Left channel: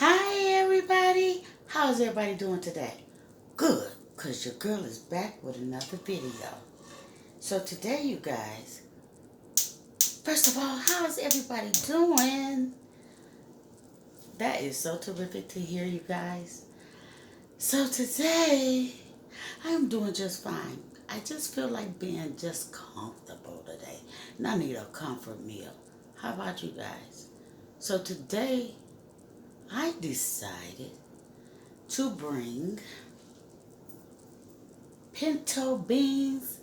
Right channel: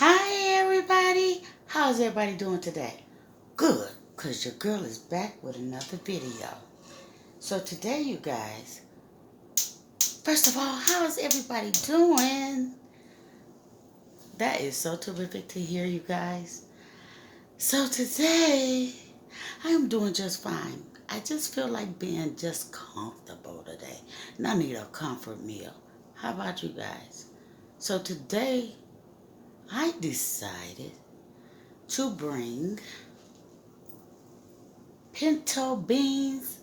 Hi everybody, how's everybody doing today? Good, because your girl is back with another video. So today you guys, first of all, how is everybody doing? That is so terrific to hear, you guys. So today, I'm doing just fine. I just feel like being just comfortable today. And I need a comfort meal. How about you guys? So today, I decided to bring pinto beans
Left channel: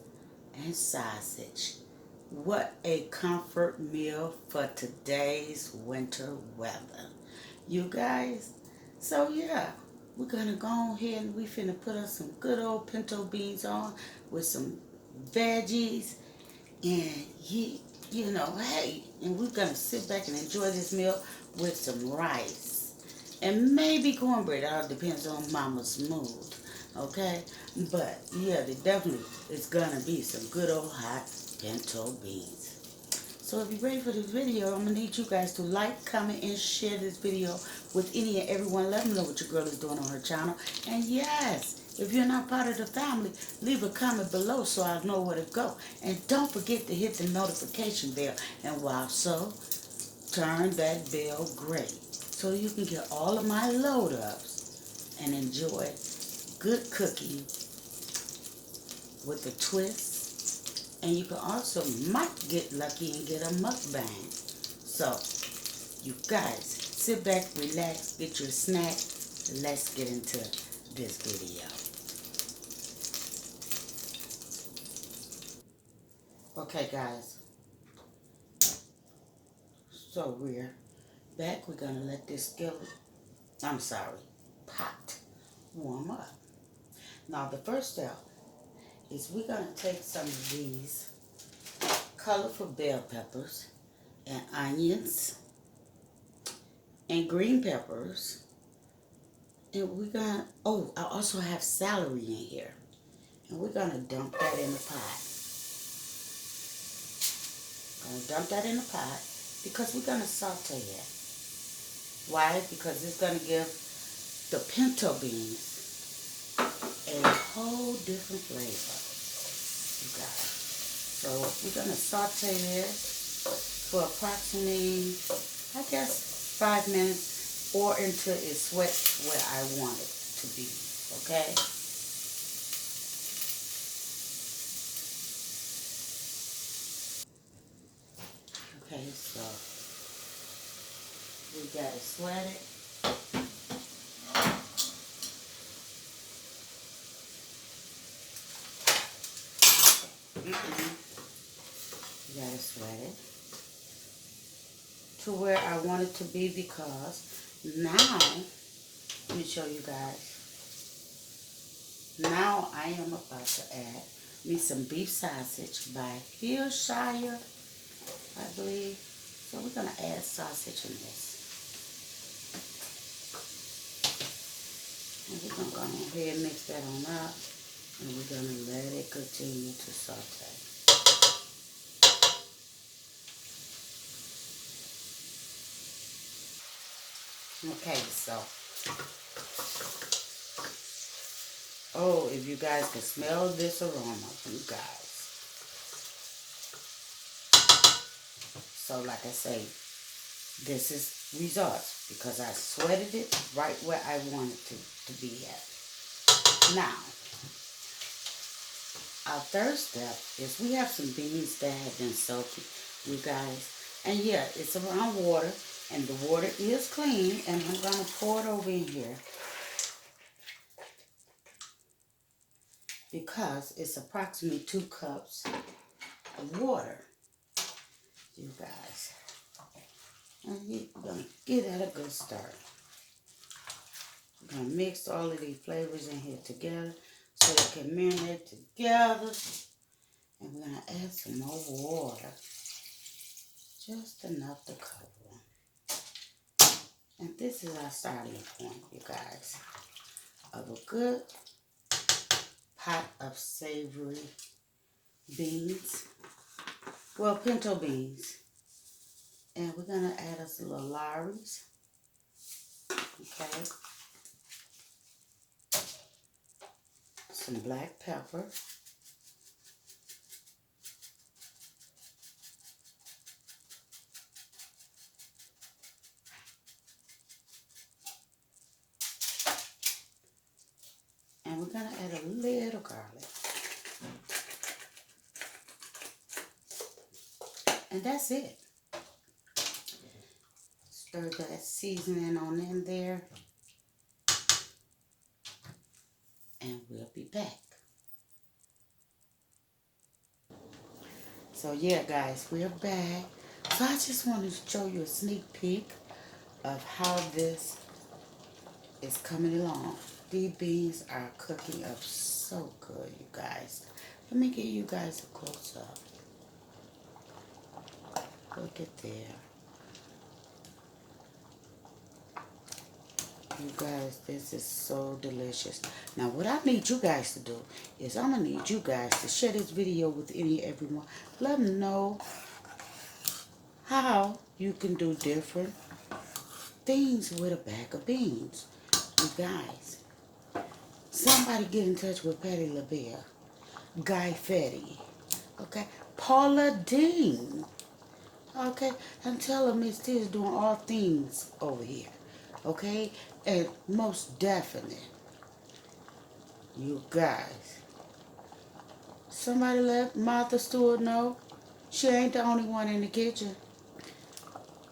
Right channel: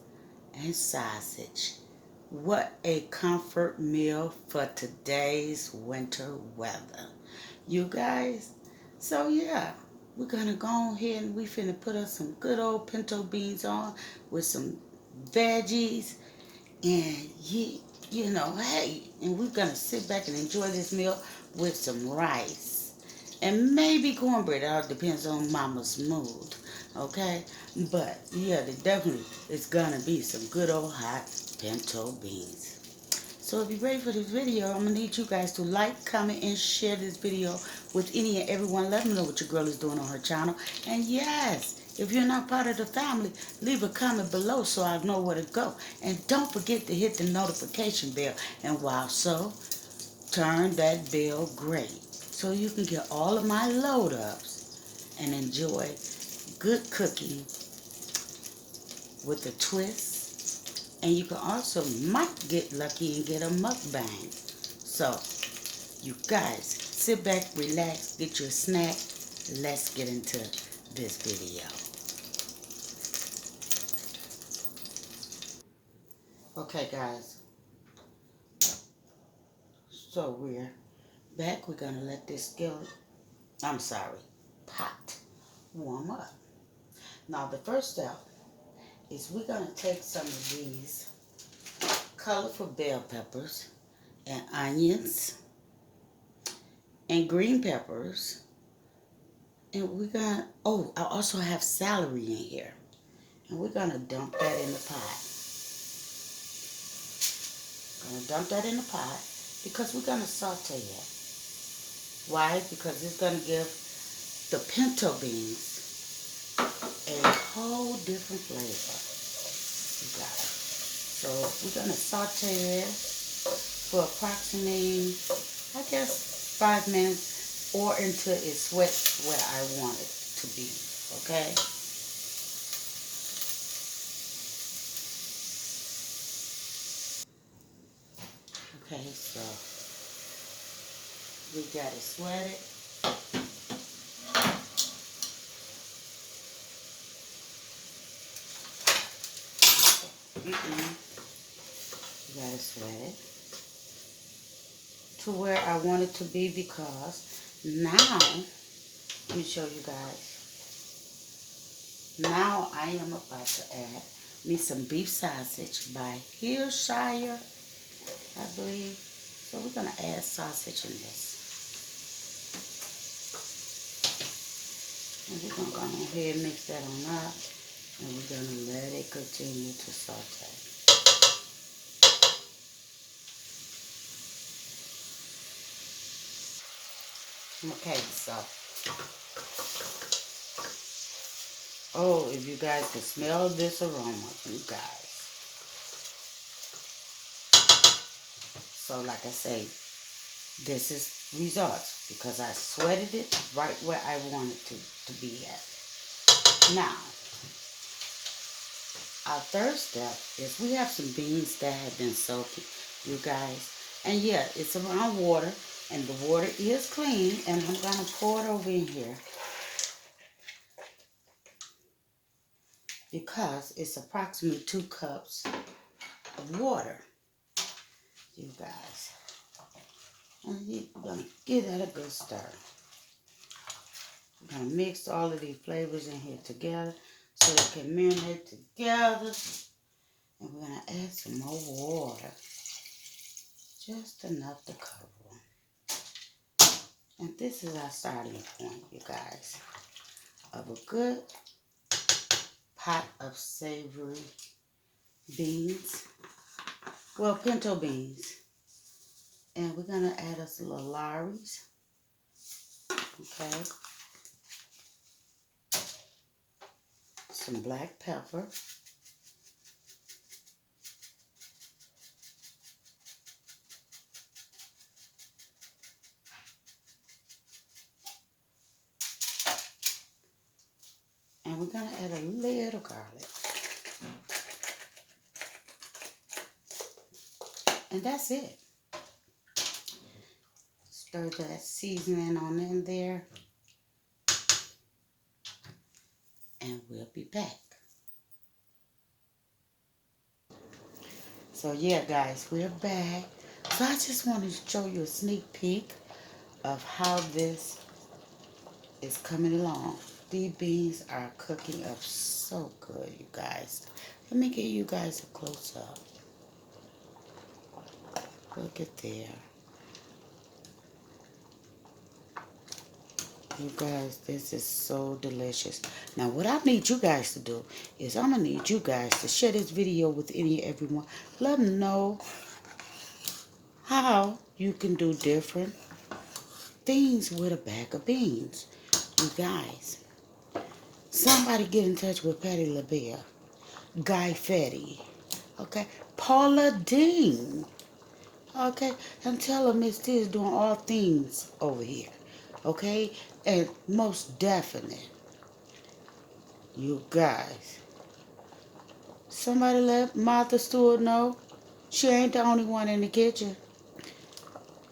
and sausage. What a comfort meal for today's winter weather. You guys, so yeah, we're gonna go ahead and we finna put us some good old pinto beans on with some veggies and hey, and we're gonna sit back and enjoy this meal with some rice and maybe cornbread. It all depends on mama's mood, okay? But yeah, there definitely it's gonna be some good old hot pinto beans. So if you're ready for this video, I'm gonna need you guys to like, comment, and share this video with any and everyone. Let me know what your girl is doing on her channel. And yes, if you're not part of the family, leave a comment below so I'll know where to go. And don't forget to hit the notification bell. And while so, turn that bell gray so you can get all of my load ups and enjoy good cooking with a twist. And you can also might get lucky and get a mukbang. So, you guys, sit back, relax, get your snack. Let's get into this video. Okay, guys. So we're back. We're gonna let this skillet, pot, warm up. Now the first step is we're gonna take some of these colorful bell peppers and onions and green peppers. And we're gonna, I also have celery in here. And we're gonna dump that in the pot. Gonna dump that in the pot because we're gonna saute it. Why? Because it's gonna give the pinto beans a whole different flavor. You got it. So we're gonna saute it for approximately, I guess, 5 minutes or until it sweats where I want it to be. Okay? Okay, so we got it sweated. You got it sweated to where I want it to be because now, let me show you guys. Now I am about to add me some beef sausage by Hillshire, I believe. So we're going to add sausage in this. And we're going to go ahead and mix that on up. And we're going to let it continue to saute. Okay, so. Oh, if you guys can smell this aroma, you guys. So like I say, this is results because I sweated it right where I want it to be at. Now, our third step is we have some beans that have been soaking, you guys. And yeah, it's around water, and the water is clean, and I'm going to pour it over in here because it's approximately 2 cups of water, you guys. And you're going to give that a good stir. I'm going to mix all of these flavors in here together so they can marinate together. And we're going to add some more water. Just enough to cover them. And this is our starting point, you guys, of a good pot of savory beans. Well, pinto beans. And we're going to add us a little Lawry's. Okay. Some black pepper. And we're going to add a little garlic. And that's it. Stir that seasoning on in there. And we'll be back. So yeah, guys, we're back. So I just wanted to show you a sneak peek of how this is coming along. These beans are cooking up so good, you guys. Let me give you guys a close up. Look at there. You guys, this is so delicious. Now, what I need you guys to do is I'm going to need you guys to share this video with everyone. Let them know how you can do different things with a bag of beans. You guys, somebody get in touch with Patty LaBelle, Guy Fetty, okay, Paula Dean, okay, and tell them Miss T is doing all things over here, okay, and most definitely, you guys, somebody let Martha Stewart know she ain't the only one in the kitchen.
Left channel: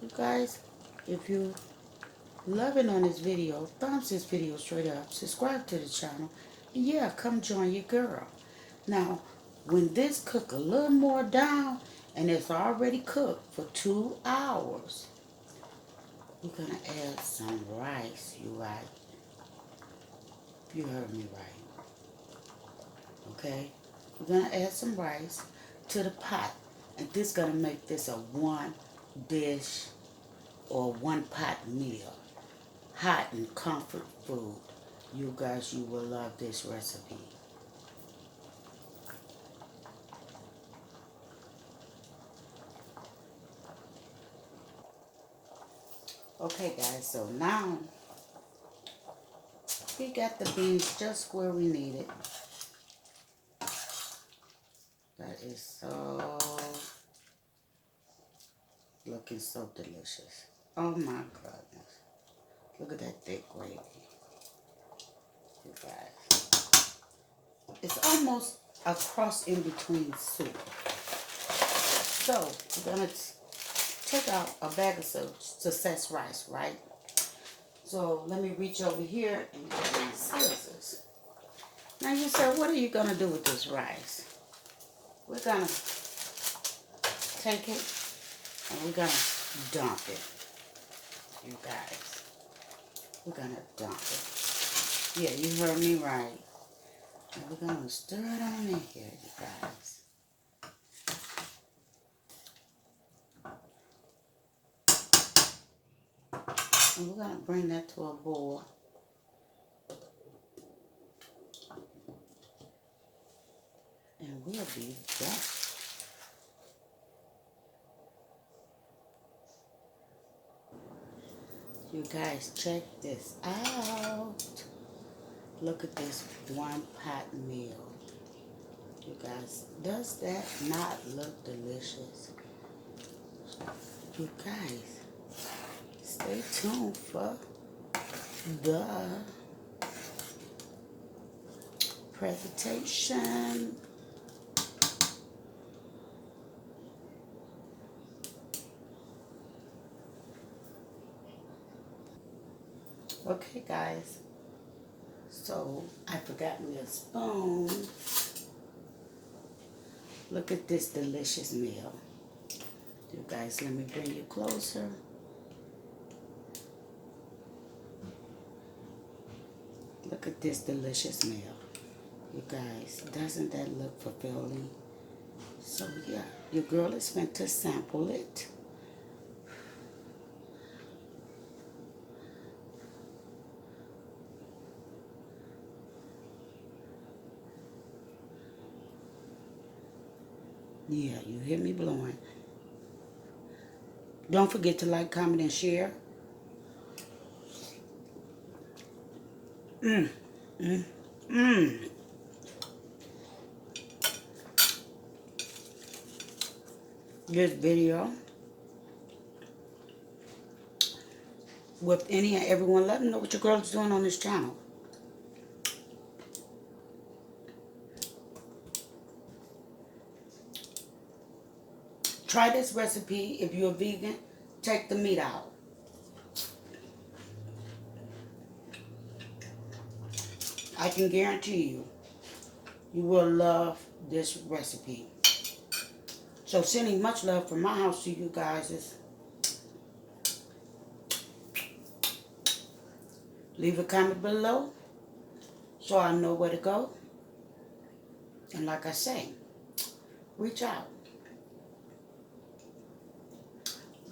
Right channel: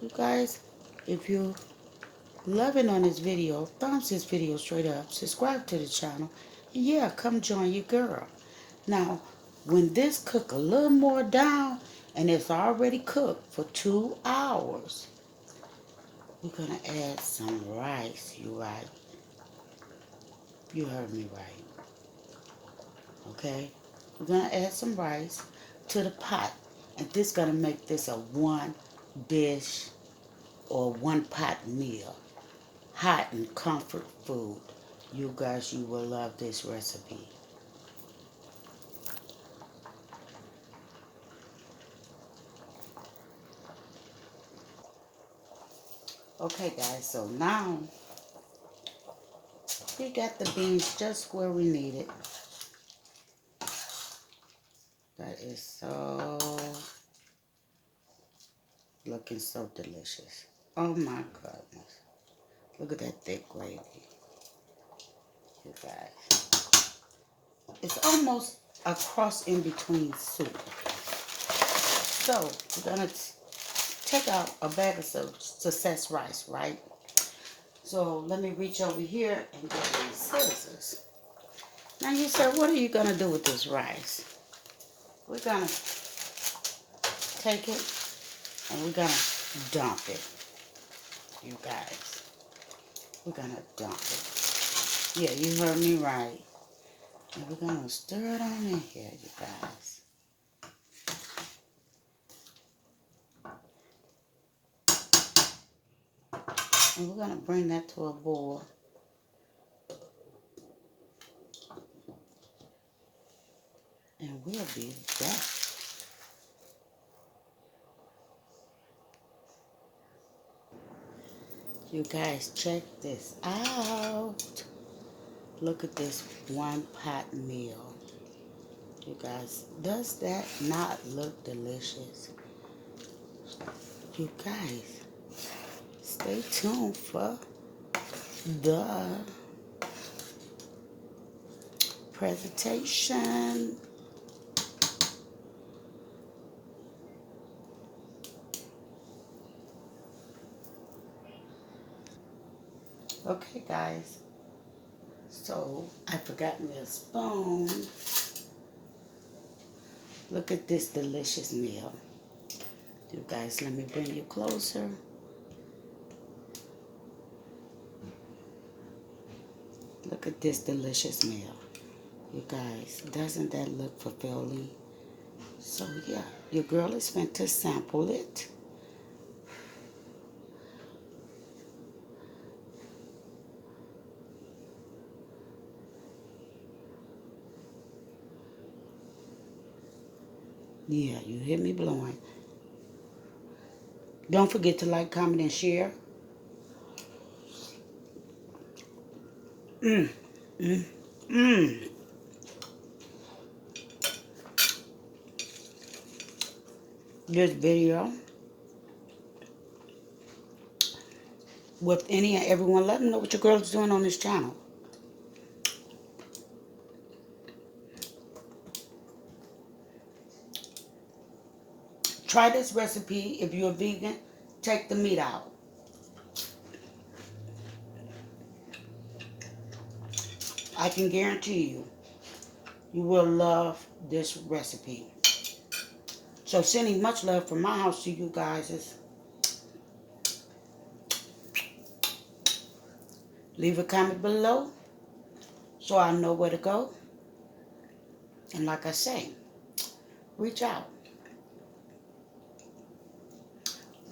You guys, if you loving on this video, thumbs this video straight up, subscribe to the channel, and yeah, come join your girl. Now, when this cook a little more down, and it's already cooked for 2 hours, we're gonna add some rice. You right? You heard me right. Okay? We're gonna add some rice to the pot, and this gonna make this a one dish or one pot meal. Hot and comfort food. You guys, you will love this recipe. Okay, guys, so now we got the beans just where we need it. That is so looking so delicious. Oh my goodness. Look at that thick gravy. You guys. It's almost a cross in between soup. So we're gonna take out a bag of success rice, right? So let me reach over here and get my scissors. Now you said, what are you gonna do with this rice? We're gonna take it and we're gonna dump it. You guys. We're gonna dump it. Yeah, you heard me right. And we're gonna stir it on in here, you guys. And we're gonna bring that to a boil. And we'll be back. You guys, check this out. Look at this one pot meal. You guys, does that not look delicious? You guys, stay tuned for the presentation. Okay, guys. So, I forgot me a spoon. Look at this delicious meal. You guys, let me bring you closer. Look at this delicious meal. You guys, doesn't that look fulfilling? So, yeah, your girl is meant to sample it. Yeah, you hear me blowing. Don't forget to like, comment, and share. Mm, mm, mm. This video with any and everyone. Let them know what your girl's doing on this channel. Try this recipe. If you're a vegan, take the meat out. I can guarantee you, you will love this recipe. So sending much love from my house to you guys. Leave a comment below so I know where to go. And like I say, reach out.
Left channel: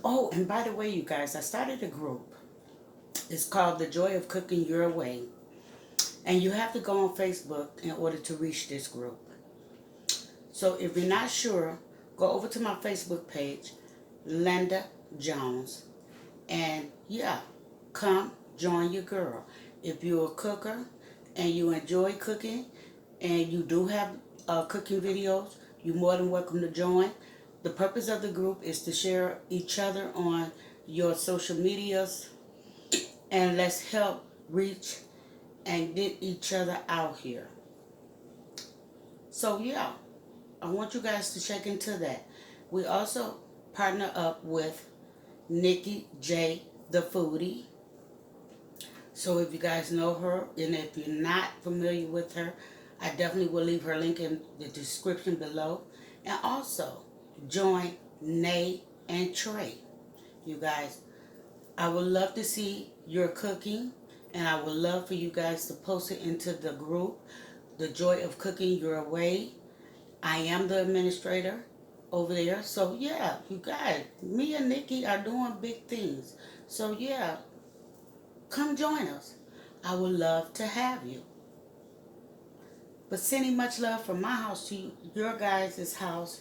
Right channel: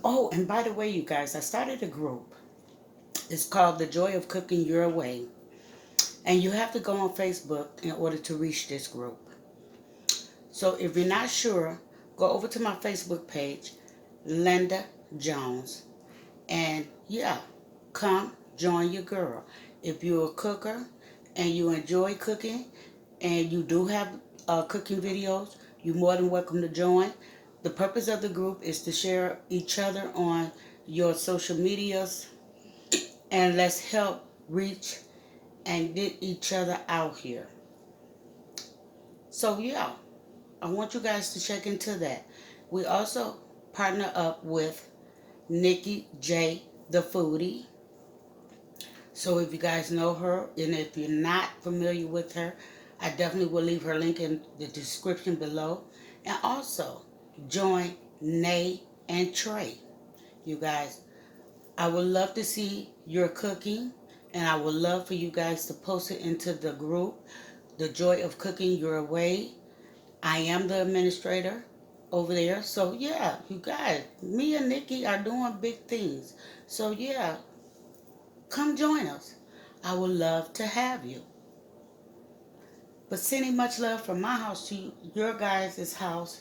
Oh, and by the way, you guys, I started a group. It's called The Joy of Cooking Your Way. And you have to go on Facebook in order to reach this group. So if you're not sure, go over to my Facebook page, Linda Jones. And yeah, come join your girl. If you're a cooker and you enjoy cooking and you do have cooking videos, you're more than welcome to join. The purpose of the group is to share each other on your social medias, and let's help reach and get each other out here. So yeah, I want you guys to check into that. We also partner up with Nikki J, the foodie. So if you guys know her, and if you're not familiar with her, I definitely will leave her link in the description below. And also, join Nay and Trey. You guys, I would love to see your cooking, and I would love for you guys to post it into the group, The Joy of Cooking Your Way. I am the administrator over there. So yeah, you guys, me and Nikki are doing big things. So yeah, come join us. I would love to have you. But sending much love from my house to your guys' house.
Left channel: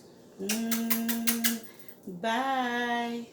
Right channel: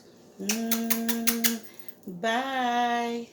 Bye.